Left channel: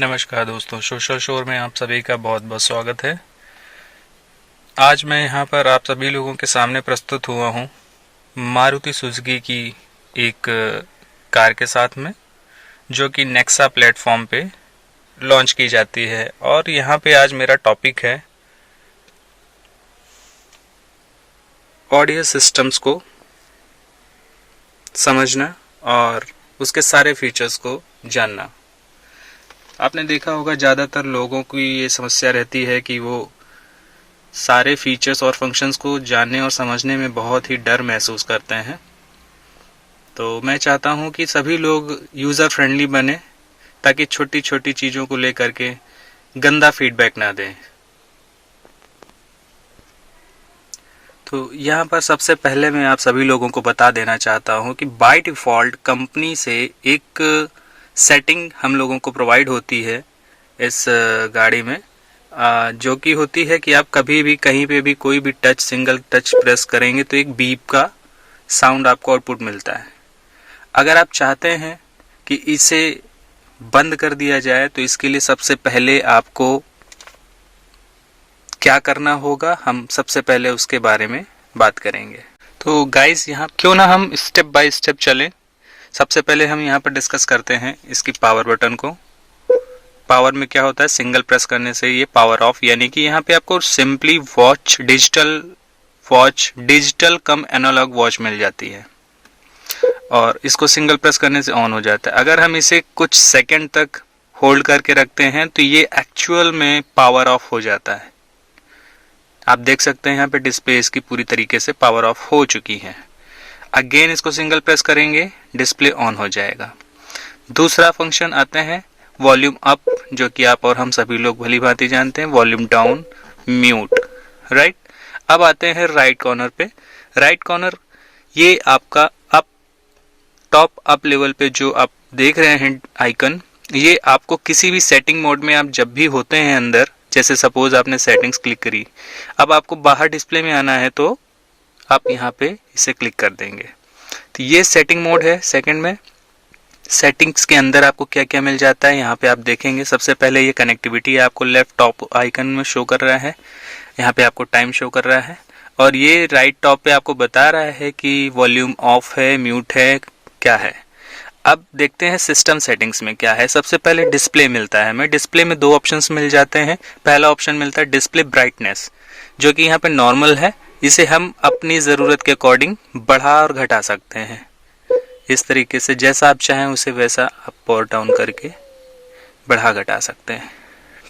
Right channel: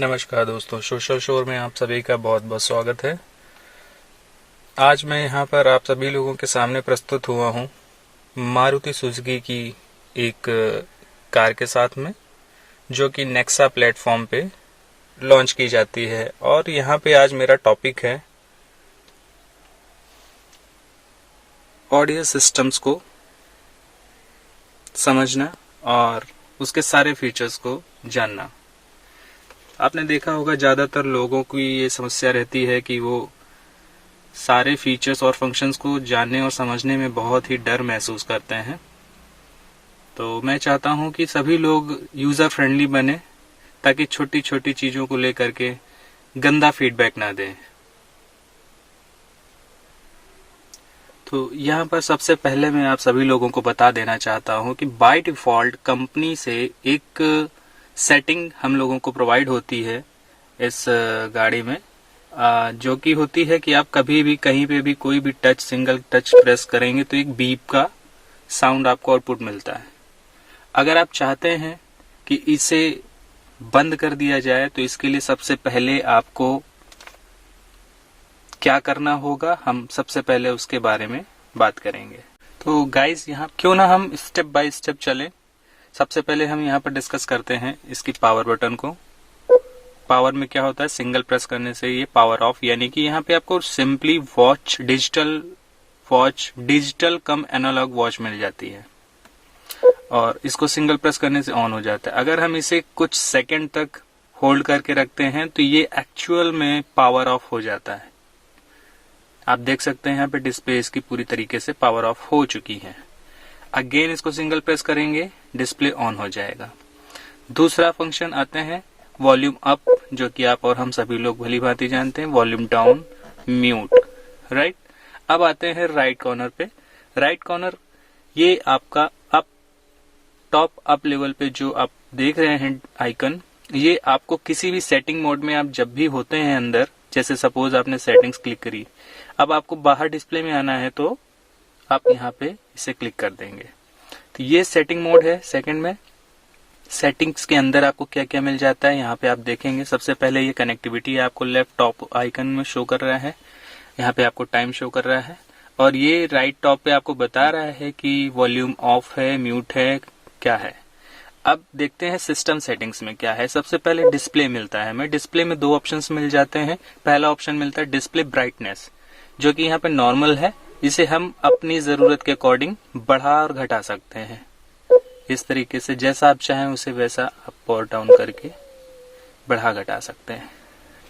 नमस्कार दोस्तों, सोशल शोर में आप सभी का बहुत बहुत स्वागत है। आज मैं यहाँ पर आप सभी लोगों के सामने प्रस्तुत हुआ हूँ मारुति सुजुकी की एक कार के साथ में, जो कि नेक्सा प्लेटफॉर्म पे लॉन्च की जाती है। और यहाँ पे आज मेरा टॉपिक है ऑडियो सिस्टम्स को समझना और उसके सारे फीचर्स को जानना। आपने देखा होगा ज़्यादातर लोगों की ये समस्या रहती है कि वो सारे फीचर्स और फंक्शंस को जानने और समझने में बहुत ही डर महसूस करते हैं। तो मैं चाहता हूँ कि सभी लोग यूज़र फ्रेंडली बने, ताकि छोटी छोटी चीज़ों को लेकर के गंदा फीडबैक ना दें। तो यहाँ पर सबसे पहले मैं आप सभी लोगों को बता देना चाहता हूँ कि बाय डिफ़ॉल्ट कंपनी से एक सेटिंग हम लोगों को प्रोवाइड होती है इस गाड़ी में, जो कि होती है कि आप कभी भी कहीं पे भी कोई भी सिंगल टच प्रेस करेंगे तो एक बीप का साउंड आपको आउटपुट मिलता है। अगर आप चाहते हैं कि इसे बंद कर दिया जाए तो इसके लिए सबसे पहले आपको क्या करना होगा, हम सबसे पहले उसके बारे में बात करेंगे। तो गाइस, यहाँ क्यों ना हम स्टेप बाय स्टेप चलें। सबसे पहले हम यहाँ पर डिस्कस करते हैं इसकी पावर बटन को। पावर में क्या होता है, सिंगल प्रेस करने से ये पावर ऑफ, यानी कि यहाँ पे आपको सिंपली डिजिटल कम एनालॉग वॉच मिल जाती है और इसको सिंगल प्रेस करने से ऑन हो जाता है। अगर हम इसे कुछ सेकंड तक होल्ड करके रखते हैं तो ये एक्चुअल में पावर ऑफ हो जाता है। आप देख सकते हैं यहाँ पे डिस्प्ले इसकी पूरी तरीके से पावर ऑफ हो चुकी है। अगेन इसको सिंगल प्रेस करेंगे, डिस्प्ले ऑन हो जाएगा। दूसरा फंक्शन आते हैं वॉल्यूम अप, जो कि आप और हम सभी लोग भली भांति जानते हैं। Volume down, mute, right. अब आते हैं राइट कॉर्नर पे। राइट कॉर्नर ये आपका अप, टॉप अप लेवल पे जो आप देख रहे हैं आइकन, ये आपको किसी भी सेटिंग मोड में आप जब भी होते हैं अंदर, जैसे सपोज आपने सेटिंग्स क्लिक करी, अब आपको बाहर डिस्प्ले में आना है तो आप यहाँ पे इसे क्लिक कर देंगे। तो ये सेटिंग मोड है। सेकंड में सेटिंग्स के अंदर आपको क्या क्या मिल जाता है, यहाँ पे आप देखेंगे। सबसे पहले ये कनेक्टिविटी आपको लेफ्ट टॉप आइकन में शो कर रहा है, यहाँ पे आपको टाइम शो कर रहा है, और ये राइट टॉप पे आपको बता रहा है कि वॉल्यूम ऑफ है, म्यूट है, क्या है। अब देखते हैं सिस्टम सेटिंग्स में क्या है। सबसे पहले डिस्प्ले मिलता है हमें। डिस्प्ले में दो ऑप्शंस मिल जाते हैं। पहला ऑप्शन मिलता है डिस्प्ले ब्राइटनेस, जो कि यहाँ पे नॉर्मल है। इसे हम अपनी ज़रूरत के अकॉर्डिंग बढ़ा और घटा सकते हैं। इस तरीके से जैसा आप चाहें उसे वैसा अप और डाउन करके बढ़ा घटा सकते हैं।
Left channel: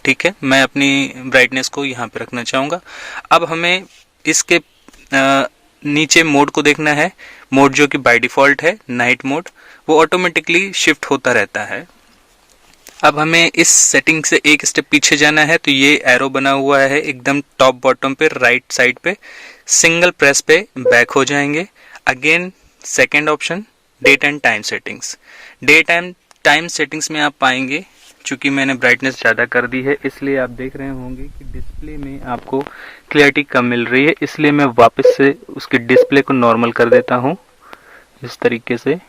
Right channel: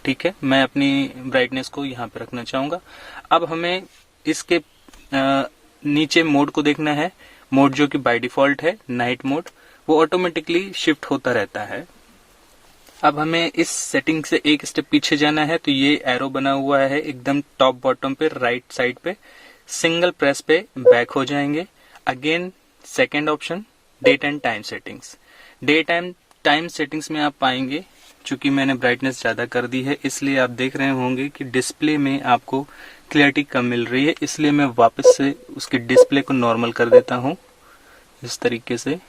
ठीक है, मैं अपनी ब्राइटनेस को यहाँ पे रखना चाहूँगा। अब हमें इसके नीचे मोड को देखना है। मोड जो कि बाय डिफ़ॉल्ट है नाइट मोड, वो ऑटोमेटिकली शिफ्ट होता रहता है। अब हमें इस सेटिंग से एक स्टेप पीछे जाना है, तो ये एरो बना हुआ है एकदम टॉप बॉटम पे राइट साइड पे। सिंगल प्रेस पे बैक हो जाएंगे। Again second option date and time settings. Date and time settings में आप पाएंगे, चूंकि मैंने ब्राइटनेस ज़्यादा कर दी है इसलिए आप देख रहे होंगे कि डिस्प्ले में आपको क्लैरिटी कम मिल रही है, इसलिए मैं वापस से उसके डिस्प्ले को नॉर्मल कर देता हूँ इस तरीके से।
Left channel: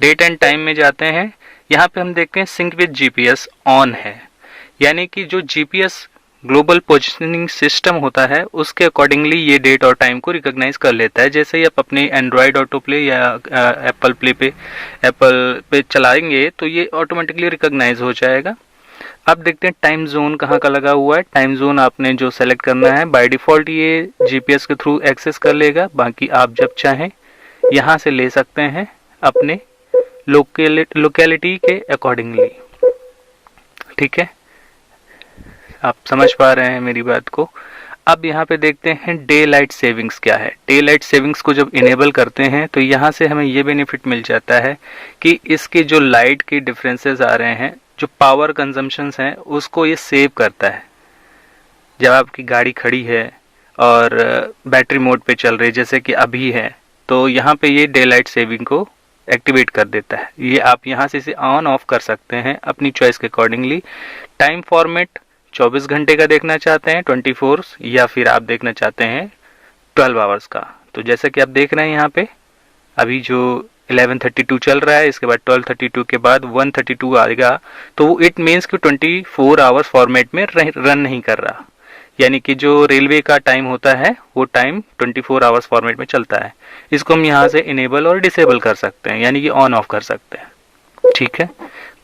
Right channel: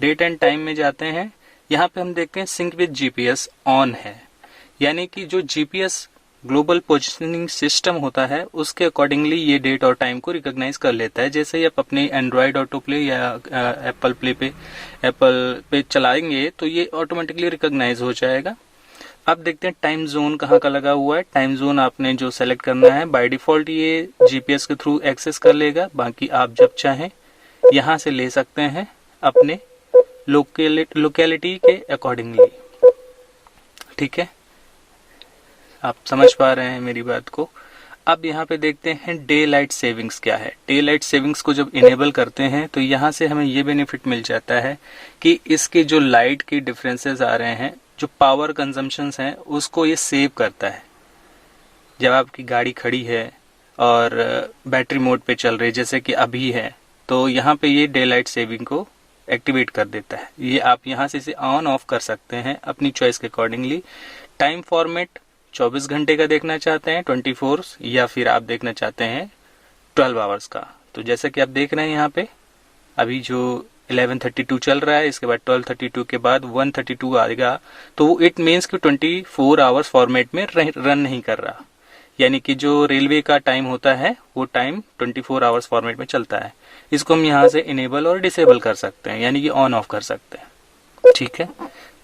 डेट एंड टाइम में जाते हैं। यहाँ पे हम देखते हैं सिंक विद जीपीएस ऑन है, यानी कि जो जीपीएस ग्लोबल पोजिशनिंग सिस्टम होता है उसके अकॉर्डिंगली ये डेट और टाइम को रिकॉग्नाइज कर लेता है। जैसे ही आप अपने एंड्रॉयड ऑटो प्ले या एप्पल पे चलाएंगे तो ये ऑटोमेटिकली रिकॉग्नाइज हो जाएगा। अब देखते हैं टाइम जोन कहाँ का लगा हुआ है। टाइम जोन आपने जो सेलेक्ट करना है, बाय डिफ़ॉल्ट ये जीपीएस के थ्रू एक्सेस कर लेगा। बाकी आप जब चाहें यहाँ से ले सकते हैं अपने लोकेलिटी के अकॉर्डिंगली। ठीक है, आप समझ पा रहे हैं मेरी बात को। अब यहाँ पे देखते हैं डे लाइट सेविंग्स क्या है। डे लाइट सेविंग्स को जब इनेबल करते हैं तो यहाँ से हमें ये बेनिफिट मिल जाता है कि इसके जो लाइट के डिफरेंसेस आ रहे हैं, जो पावर कंजम्पशंस हैं, उसको ये सेव करता है। जब आपकी गाड़ी खड़ी है और बैटरी मोड पे चल रही है जैसे कि अभी है, तो यहाँ पे ये डे लाइट सेविंग को एक्टिवेट कर देता है। ये आप यहाँ से इसे ऑन ऑफ कर सकते हैं अपनी चॉइस के अकॉर्डिंगली। टाइम फॉर्मेट 24 घंटे का देखना चाहते हैं, 24, या फिर आप देखना चाहते हैं 12 आवर्स का। तो जैसे कि आप देख रहे हैं यहाँ पे अभी जो 11:32 चल रहा है, इसके बाद 12:32 के बाद 1:32 आएगा, तो इट मीन्स कि 24 आवर्स फॉर्मेट में रन नहीं कर रहा। यानी कि जो रेलवे का टाइम होता है वो टाइम 24 आवर्स फॉर्मेट में चलता है। इसको हम यहाँ से इनेबल और डिसेबल कर सकते हैं, यानी कि ऑन ऑफ कर सकते हैं। ठीक है।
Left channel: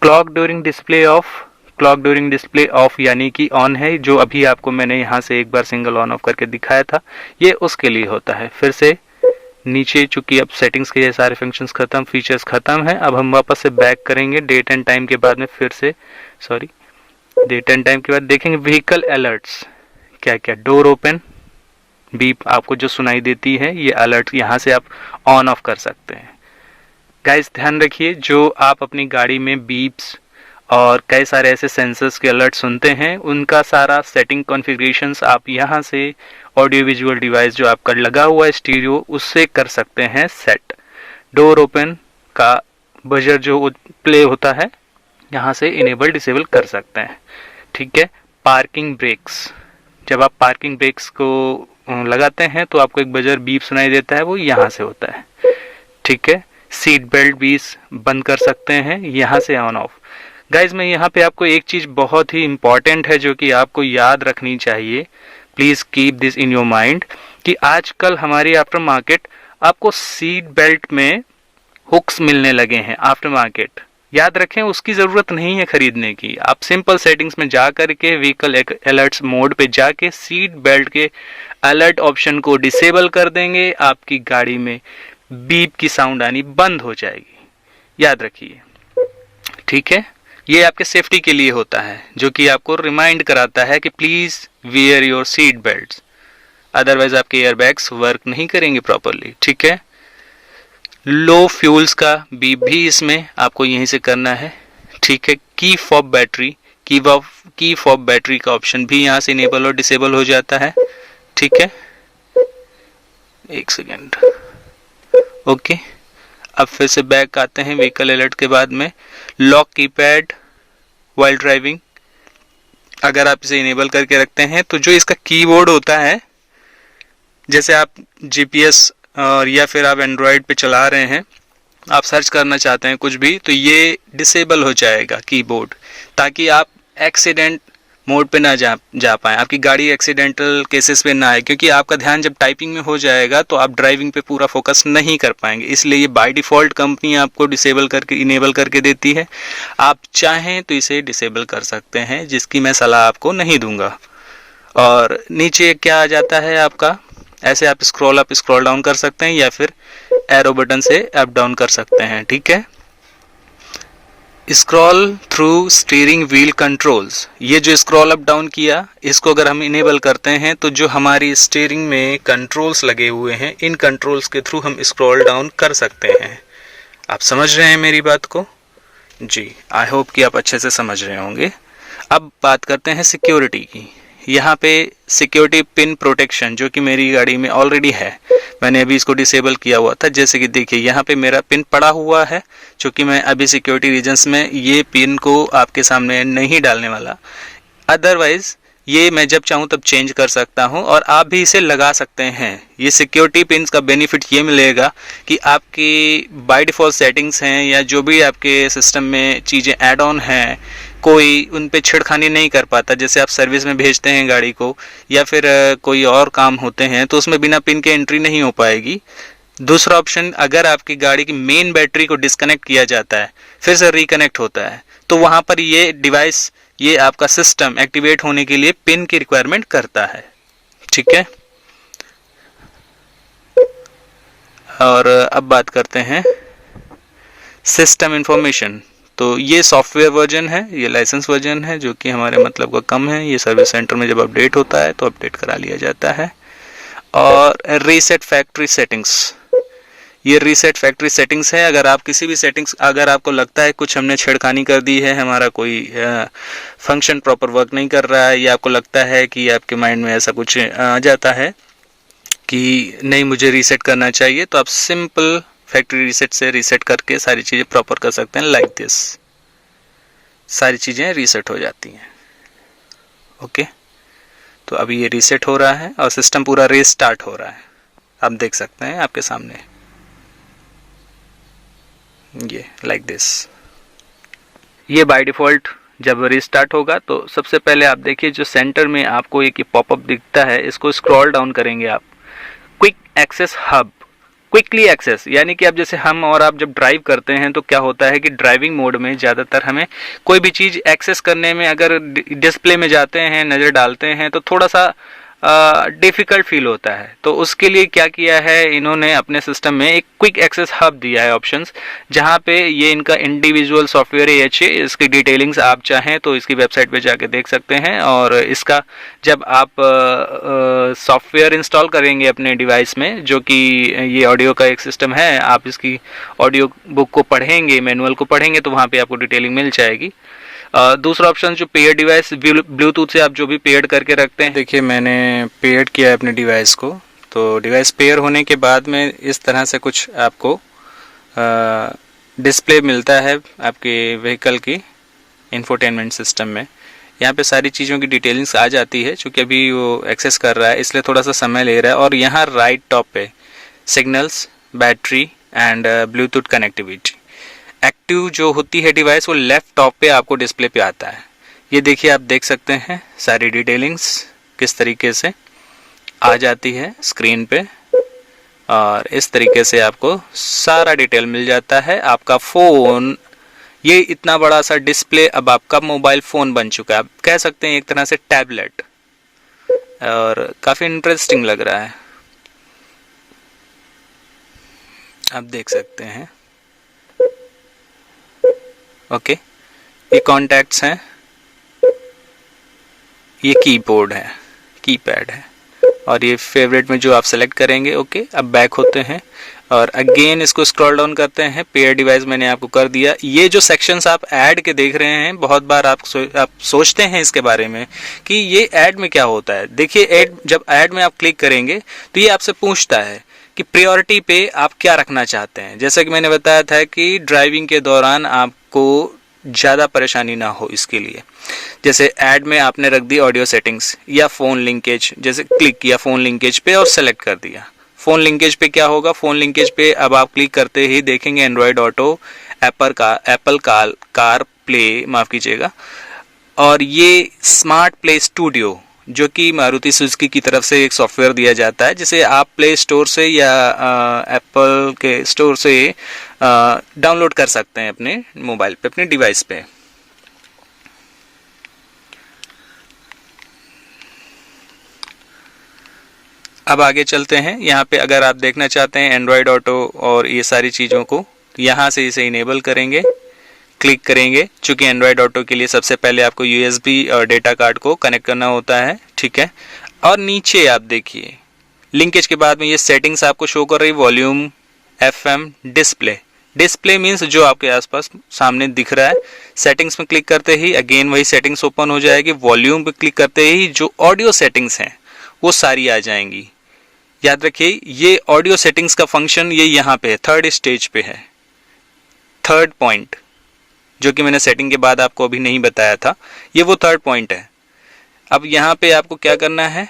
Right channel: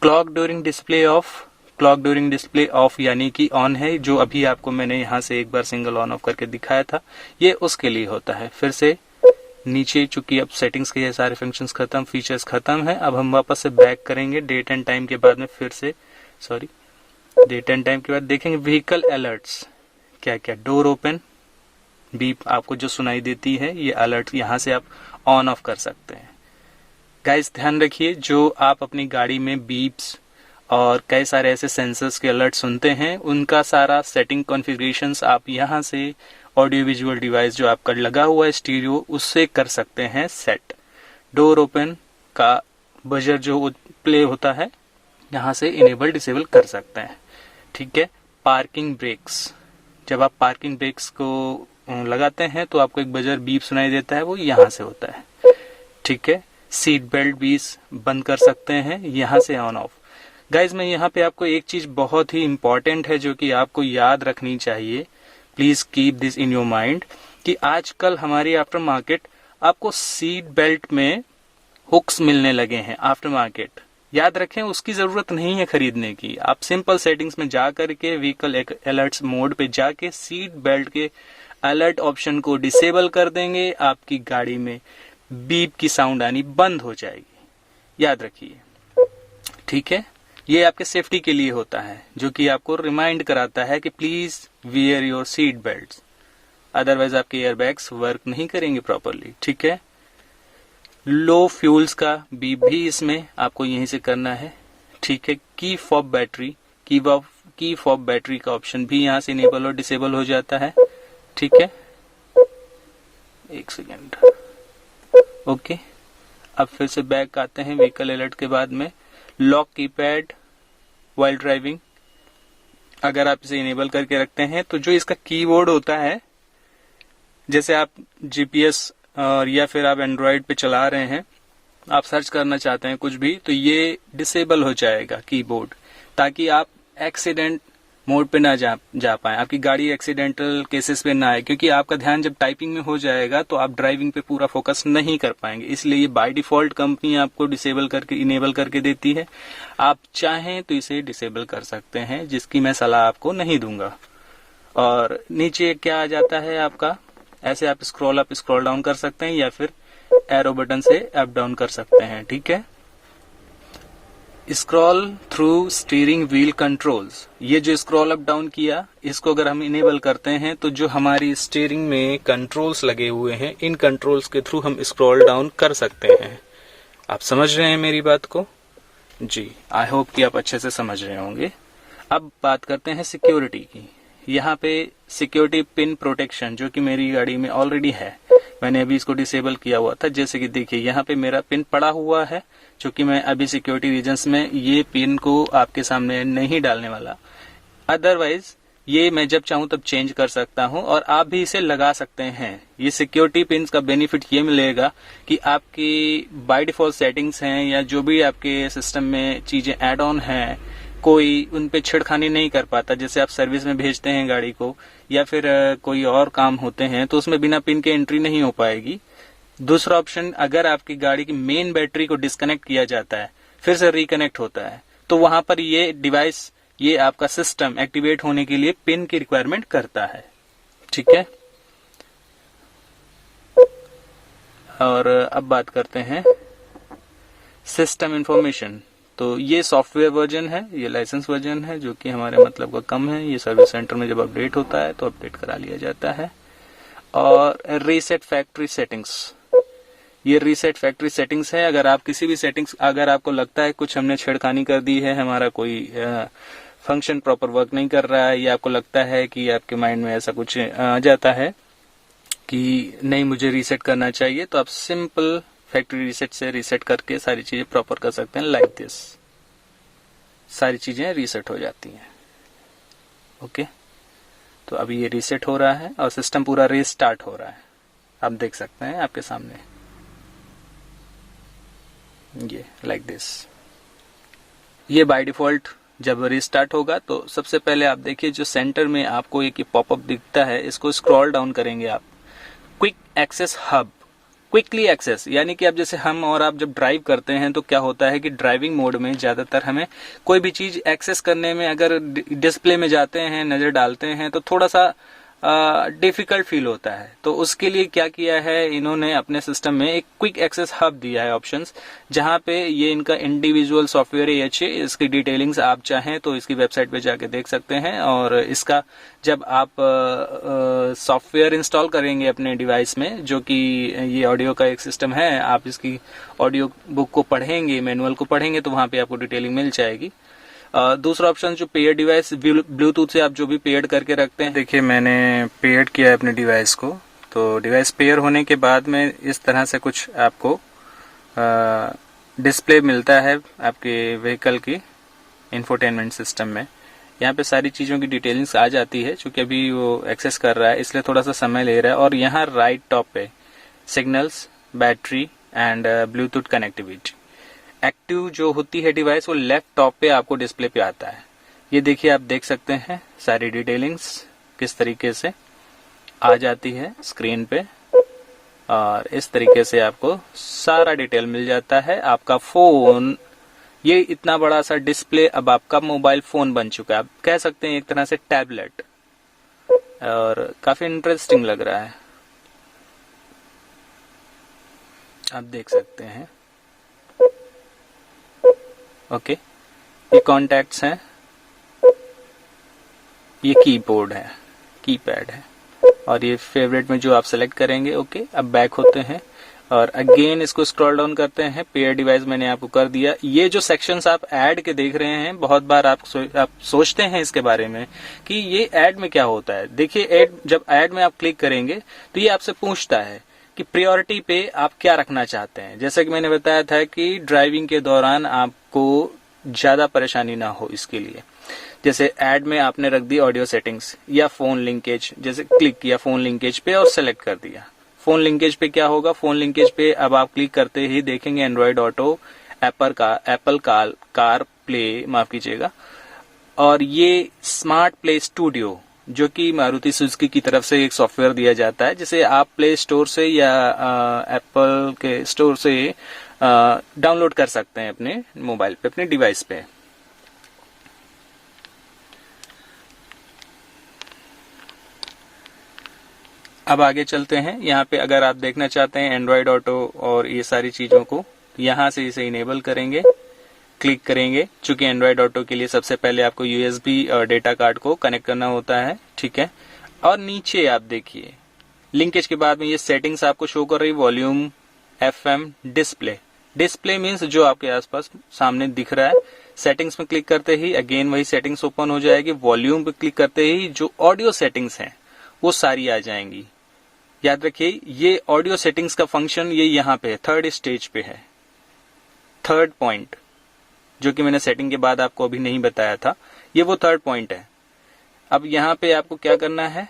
Clock during display of, clock during display of यानी कि ऑन है, जो अभी आपको मैंने यहाँ से एक बार सिंगल ऑन ऑफ करके दिखाया था, ये उसके लिए होता है। फिर से नीचे, चूंकि अब सेटिंग्स के ये सारे फंक्शंस खत्म, फीचर्स खत्म है, अब हम वापस से बैक करेंगे डेट एंड टाइम के बाद में, फिर से डेट एंड टाइम के बाद देखेंगे व्हीकल अलर्ट्स क्या क्या। डोर ओपन, बीप आपको जो सुनाई देती है, ये अलर्ट यहाँ से आप ऑन ऑफ कर सकते हैं। गाइस ध्यान रखिए, जो आप अपनी गाड़ी में बीप्स और कई सारे ऐसे सेंसर्स के अलर्ट सुनते हैं, उनका सारा सेटिंग कॉन्फ़िगरेशंस आप यहाँ से ऑडियो विजुअल डिवाइस जो आपका लगा हुआ है स्टीरियो, उससे कर सकते हैं सेट। डोर ओपन का बजर जो प्ले होता है, यहाँ से इनेबल डिसेबल कर सकते हैं। ठीक है। पार्किंग ब्रेक्स, जब आप पार्किंग ब्रेक्स को लगाते हैं तो आपको एक बजर बीप सुनाई देता है, वो यहाँ से होता है। ठीक है। सीट बेल्ट भी बंद कर सकते हैं यहाँ से ऑन ऑफ। गाइज मैं यहाँ पे आपको एक चीज बहुत ही इंपॉर्टेंट है जो कि आपको याद रखनी चाहिए, please keep this in your mind, कि आजकल हमारी आफ्टर मार्केट आपको सीट बेल्ट में हुक्स मिलने लगे हैं आफ्टर मार्केट। याद रखें, उसकी जरूरत नहीं है खरीदने की। आप सिंपल सेटिंग्स में जा करके व्हीकल अलर्ट्स मोड पे जाके सीट बेल्ट के अलर्ट ऑप्शन को डिसेबल कर देंगे, आपकी गाड़ी में बीप की साउंड आनी बंद हो जाएगी। याद रखिए। ठीक है। ये आपके सेफ्टी के लिए होता है, जो कि आपको रिमाइंड कराता है कि please wear your seat belts, otherwise आपके एयरबैग्स वर्क नहीं करेंगे प्रॉपरली। ठीक है। लो फ्यूल्स का बीप भी इसमें आपको यहीं से करना है। ठीक है। Key fob battery, key fob battery का ऑप्शन भी यहाँ से इनेबल और डिसेबल हो जाता है। ठीक है। एक सेकेंड। ओके। अब फिर से बैक आते हैं व्हीकल अलर्ट के बाद में। लॉक कीपैड वाइल ड्राइविंग, अगर आप इसे इनेबल करके रखते हैं तो जो इसका कीबोर्ड होता है, जैसे आप जीपीएस और या फिर आप एंड्रॉयड पे चला रहे हैं, आप सर्च करना चाहते हैं कुछ भी, तो ये डिसेबल हो जाएगा कीबोर्ड, ताकि आप एक्सीडेंट मोड पे ना जा पाएं, आपकी गाड़ी एक्सीडेंटल केसेस पे ना आए, क्योंकि आपका ध्यान जब टाइपिंग में हो जाएगा तो आप ड्राइविंग पे पूरा फोकस नहीं कर पाएंगे। इसलिए ये बाय डिफ़ॉल्ट कंपनी आपको डिसेबल करके इनेबल करके देती है। आप चाहें तो इसे डिसेबल कर सकते हैं, जिसकी मैं सलाह आपको नहीं दूंगा। और नीचे क्या आ जाता है आपका, ऐसे आप स्क्रॉल अप स्क्रॉल डाउन कर सकते हैं या फिर एरो बटन से अप डाउन कर सकते हैं। ठीक है। Scroll through steering wheel controls, ये जो स्क्रॉल अप डाउन किया, इसको अगर हम इनेबल करते हैं तो जो हमारी स्टीयरिंग में कंट्रोल्स लगे हुए हैं, इन कंट्रोल्स के थ्रू हम स्क्रॉल डाउन कर सकते हैं। आप समझ रहे हैं मेरी बात को? जी, आई होप कि आप अच्छे से समझ रहे होंगे। अब बात करते हैं सिक्योरिटी की। यहाँ पे सिक्योरिटी पिन प्रोटेक्शन, जो कि मेरी गाड़ी में ऑलरेडी है, मैंने अभी इसको डिसेबल किया हुआ था। जैसे कि देखिए यहाँ पे मेरा पिन पड़ा हुआ है, क्योंकि मैं अभी सिक्योरिटी रीजन्स में ये पिन को आपके सामने नहीं डालने वाला। अदरवाइज ये मैं जब चाहूँ तब चेंज कर सकता हूँ और आप भी इसे लगा सकते हैं। ये सिक्योरिटी पिन का बेनिफिट ये मिलेगा कि आपकी बाय डिफ़ॉल्ट सेटिंग्स हैं या जो भी आपके सिस्टम में चीज़ें ऐड ऑन हैं, कोई उन पे छेड़खानी नहीं कर पाता। जैसे आप सर्विस में भेजते हैं गाड़ी को या फिर कोई और काम होते हैं तो उसमें बिना पिन के एंट्री नहीं हो पाएगी। दूसरा ऑप्शन, अगर आपकी गाड़ी की मेन बैटरी को डिस्कनेक्ट किया जाता है, फिर से रिकनेक्ट होता है, तो वहाँ पर ये डिवाइस, ये आपका सिस्टम एक्टिवेट होने के लिए पिन की रिक्वायरमेंट करता है। ठीक है। और अब बात करते हैं सिस्टम इंफॉर्मेशन। तो ये सॉफ्टवेयर वर्जन है, ये लाइसेंस वर्जन है, जो कि हमारे मतलब का कम है। ये सर्विस सेंटर में जब अपडेट होता है तो अपडेट करा लिया जाता है। और रीसेट फैक्ट्री सेटिंग्स, ये रीसेट फैक्ट्री सेटिंग्स है। अगर आप किसी भी सेटिंग्स, अगर आपको लगता है कुछ हमने छेड़खानी कर दी है, हमारा कोई फंक्शन प्रॉपर वर्क नहीं कर रहा है, या आपको लगता है कि आपके माइंड में ऐसा कुछ आ जाता है कि नहीं मुझे रीसेट करना चाहिए, तो आप सिंपल फैक्ट्री रीसेट से रीसेट करके सारी चीज़ें प्रॉपर कर सकते हैं। लाइक दिस, सारी चीज़ें रीसेट हो जाती हैं। ओके। तो अभी ये रीसेट हो रहा है और सिस्टम पूरा रीस्टार्ट हो रहा है, आप देख सकते हैं आपके सामने। ये लाइक दिस। ये बाय डिफ़ॉल्ट जब रिस्टार्ट होगा तो सबसे पहले आप देखिए जो सेंटर में आपको एक पॉपअप दिखता है, इसको स्क्रॉल डाउन करेंगे आप, quick access hub, quickly access, यानी कि अब जैसे हम और आप जब ड्राइव करते हैं तो क्या होता है कि ड्राइविंग मोड में ज़्यादातर हमें कोई भी चीज़ एक्सेस करने में अगर डिस्प्ले में जाते हैं, नज़र डालते हैं तो थोड़ा सा डिफ़िकल्ट फील होता है। तो उसके लिए क्या किया है इन्होंने अपने सिस्टम में एक क्विक एक्सेस हब दिया है ऑप्शंस, जहाँ पे ये इनका इंडिविजुअल सॉफ्टवेयर है अच्छे, इसकी डिटेलिंग्स आप चाहें तो इसकी वेबसाइट पे जाके देख सकते हैं। और इसका जब आप सॉफ्टवेयर इंस्टॉल करेंगे अपने डिवाइस में, जो कि ये ऑडियो का एक सिस्टम है, आप इसकी ऑडियो बुक को पढ़ेंगे, मैनुअल को पढ़ेंगे तो वहाँ पे आपको डिटेलिंग मिल जाएगी। दूसरा ऑप्शन जो पेयर डिवाइस, ब्लूटूथ से आप जो भी पेयर करके रखते हैं, देखिए मैंने पेयर किया है अपने डिवाइस को, तो डिवाइस पेयर होने के बाद में इस तरह से कुछ आपको डिस्प्ले मिलता है आपके व्हीकल की इंफोटेनमेंट सिस्टम में। यहाँ पे सारी चीज़ों की डिटेलिंग्स आ जाती है, चूँकि अभी वो एक्सेस कर रहा है इसलिए थोड़ा सा समय ले रहा है। और यहाँ राइट टॉप पे signals, battery and Bluetooth connectivity active जो होती है डिवाइस, वो लेफ्ट टॉप पे आपको डिस्प्ले पे आता है। ये देखिए आप देख सकते हैं सारी डिटेलिंग्स किस तरीके से आ जाती है स्क्रीन पे, और इस तरीके से आपको सारा डिटेल मिल जाता है। आपका फ़ोन, ये इतना बड़ा सा डिस्प्ले अब आपका मोबाइल फ़ोन बन चुका है, आप कह सकते हैं एक तरह से टैबलेट, और काफ़ी इंटरेस्टिंग लग रहा है, आप देख सकते हैं। ओके, ये कॉन्टैक्ट्स हैं, ये कीबोर्ड है, कीपैड है, और ये फेवरेट में जो आप सेलेक्ट करेंगे। ओके, अब बैक होते हैं और अगेन इसको स्क्रॉल डाउन करते हैं। पेयर डिवाइस मैंने आपको कर दिया। ये जो सेक्शंस आप ऐड के देख रहे हैं, बहुत बार आप सोचते हैं इसके बारे में कि ये ऐड में क्या होता है। देखिए ऐड, जब ऐड में आप क्लिक करेंगे तो ये आपसे पूछता है कि प्रायोरिटी पे आप क्या रखना चाहते हैं। जैसा कि मैंने बताया था कि ड्राइविंग के दौरान आपको ज़्यादा परेशानी ना हो, इसके लिए जैसे ऐड में आपने रख दी ऑडियो सेटिंग्स या फ़ोन लिंकेज, जैसे क्लिक किया फ़ोन लिंकेज पे और सेलेक्ट कर दिया। फ़ोन लिंकेज पे क्या होगा, फ़ोन लिंकेज पे अब आप क्लिक करते ही देखेंगे Android auto, Apple car play, माफ़ कीजिएगा, और ये स्मार्ट प्ले स्टूडियो जो कि मारुति सुजुकी की तरफ से एक सॉफ्टवेयर दिया जाता है, जिसे आप प्ले स्टोर से या एप्पल के स्टोर से डाउनलोड कर सकते हैं अपने मोबाइल पे, अपने डिवाइस पे। अब आगे चलते हैं। यहाँ पे अगर आप देखना चाहते हैं एंड्रॉयड ऑटो और ये सारी चीज़ों को, यहाँ से इसे इनेबल करेंगे, क्लिक करेंगे। चूंकि एंड्रॉयड ऑटो के लिए सबसे पहले आपको यूएसबी डेटा कार्ड को कनेक्ट करना होता है, ठीक है। और नीचे आप देखिए लिंकेज के बाद में ये सेटिंग्स आपको शो कर रही, वॉल्यूम, एफएम, डिस्प्ले मीन्स जो आपके आसपास सामने दिख रहा है। सेटिंग्स में क्लिक करते ही अगेन वही सेटिंग्स ओपन हो जाएगी। वॉल्यूम पे क्लिक करते ही जो ऑडियो सेटिंग्स हैं वो सारी आ जाएंगी। याद रखिए ये ऑडियो सेटिंग्स का फंक्शन ये यहाँ पे है, थर्ड स्टेज पे है, थर्ड पॉइंट, जो कि मैंने सेटिंग के बाद आपको अभी नहीं बताया था, ये वो थर्ड पॉइंट है। अब यहाँ पे आपको क्या करना है,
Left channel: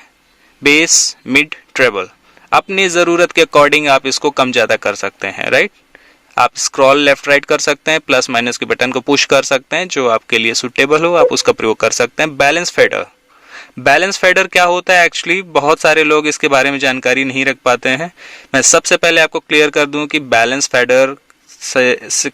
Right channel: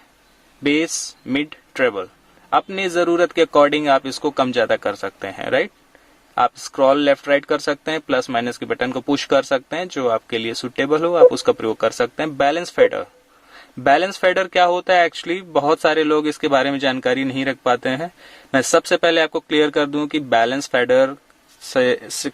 बेस, मिड, ट्रेबल, अपनी ज़रूरत के अकॉर्डिंग आप इसको कम ज़्यादा कर सकते हैं, राइट। आप स्क्रॉल लेफ्ट राइट कर सकते हैं, प्लस माइनस के बटन को पुश कर सकते हैं, जो आपके लिए सूटेबल हो आप उसका प्रयोग कर सकते हैं। बैलेंस फेडर क्या होता है, एक्चुअली बहुत सारे लोग इसके बारे में जानकारी नहीं रख पाते हैं। मैं सबसे पहले आपको क्लियर कर दूं कि बैलेंस फेडर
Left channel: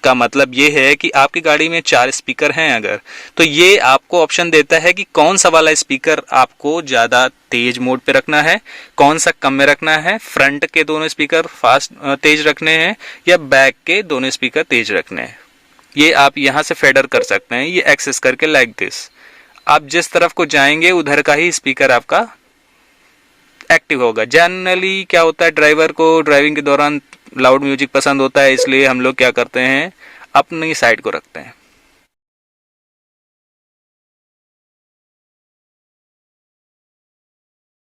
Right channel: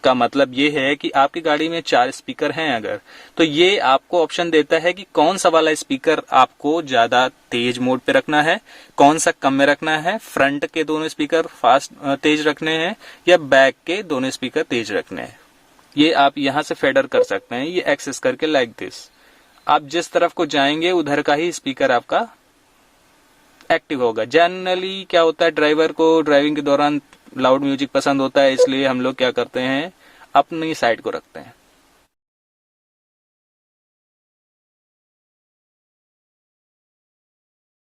का मतलब ये है कि आपकी गाड़ी में 4 स्पीकर हैं अगर, तो ये आपको ऑप्शन देता है कि कौन सा वाला स्पीकर आपको ज़्यादा तेज मोड पे रखना है, कौन सा कम में रखना है, फ्रंट के दोनों स्पीकर फास्ट तेज रखने हैं या बैक के दोनों स्पीकर तेज रखने हैं। ये आप यहाँ से फेडर कर सकते हैं, ये एक्सेस करके लाइक दिस। आप जिस तरफ को जाएंगे उधर का ही स्पीकर आपका एक्टिव होगा। जनरली क्या होता है, ड्राइवर को ड्राइविंग के दौरान लाउड म्यूजिक पसंद होता है, इसलिए हम लोग क्या करते हैं, अपनी साइड को रखते हैं।